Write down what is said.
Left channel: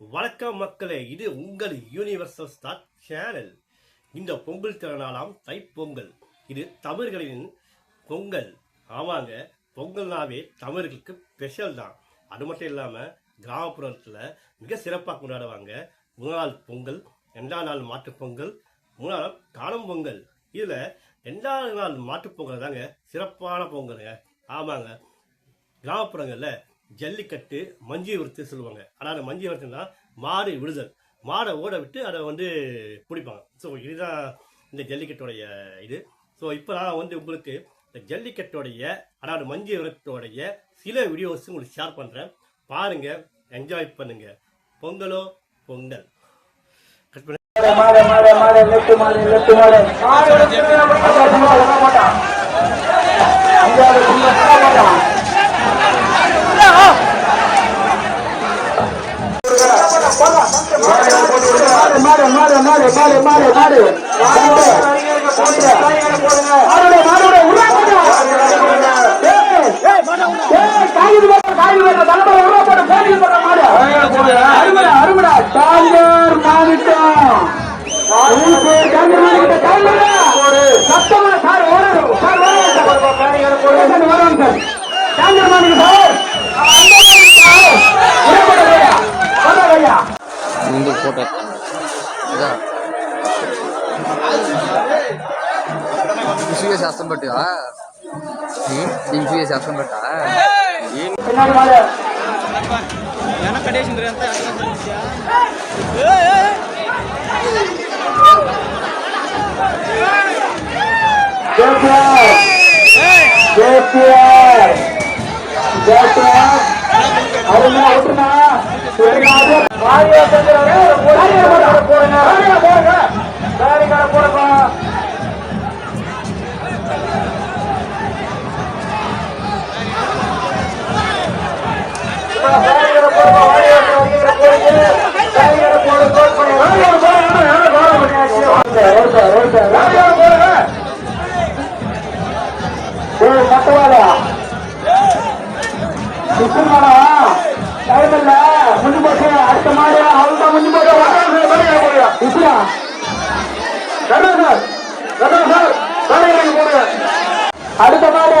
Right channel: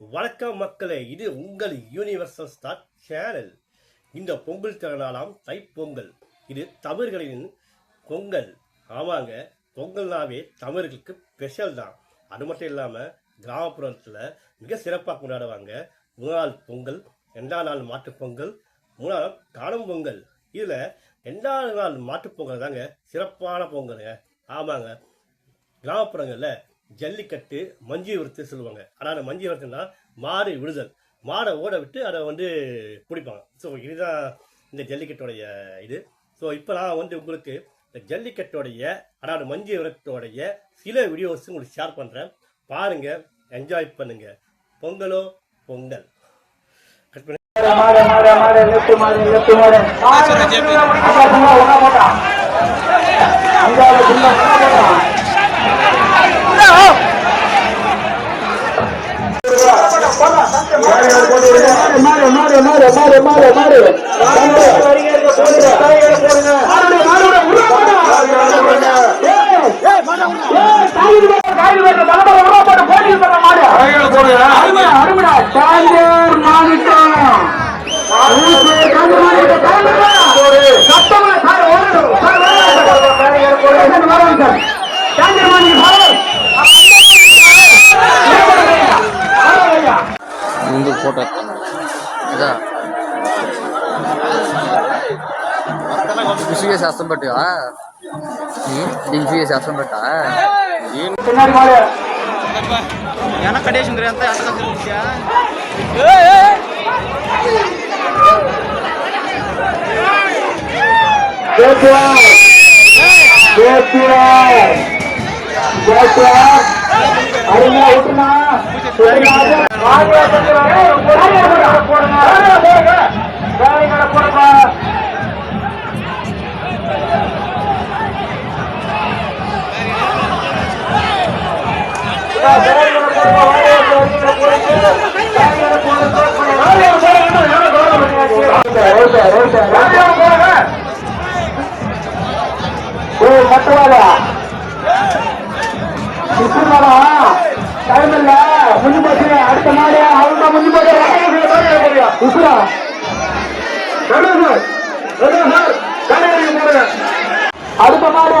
வணக்கம் மக்களே, இது உங்கள் யூனிவர்சல் ஸ்டார் சேனல். இந்த பொங்கல் திருநாளாம் தைப்பொங்கல். இது தமிழர்களின் பொங்கல். ஆமாங்க, பொங்கல்னாவே தமிழர்களுக்கு ஸ்பெஷல் தான். அது மட்டும் இல்லாமல் கிராமப்புறத்தில் மிக சிறப்பாக கொண்டாடுவாங்க. முதல் நாள் பொங்கல், ரெண்டாம் நாள் மாட்டுப்பொங்கல், மூணாம் நாள் காணும் பொங்கல். இதில் ரெண்டாவது நாள் மாட்டுப்பொங்கல் தாங்க சிறப்பான பொங்கலுங்க. ஆமாங்க, கிராமப்புறங்களில் ஜல்லிக்கட்டு மஞ்சி விரத்து சொல்லுவாங்க. ஆனால் மஞ்சி விரத்துனா மாடு விடுதல், மாடை ஓட விட்டு அதை பிடிப்பாங்க. ஸோ இதுதான் இந்த ஜல்லிக்கட்டோடைய இது. ஸோ இப்போ நான் உங்களுக்கு இந்த ஜல்லிக்கட்டோடைய அதாவது மஞ்சி விரத்தோடைய சில வீடியோஸ் உங்களுக்கு ஷேர் பண்ணுறேன். பாருங்க, என்ஜாய் பண்ணுங்க. பொங்கலோ பொங்கல். ముందు ఫోటో బిజీగా శాస్త్రం బట్టి బిజీగా శాస్త్రం బట్టా ఏమన్నా కడేసింది అంత டைம் இல்ல, முடிஞ்சு போச்சு. அடுத்த மாடு அவங்க முடிஞ்சு போச்சு. அடுத்த மாடு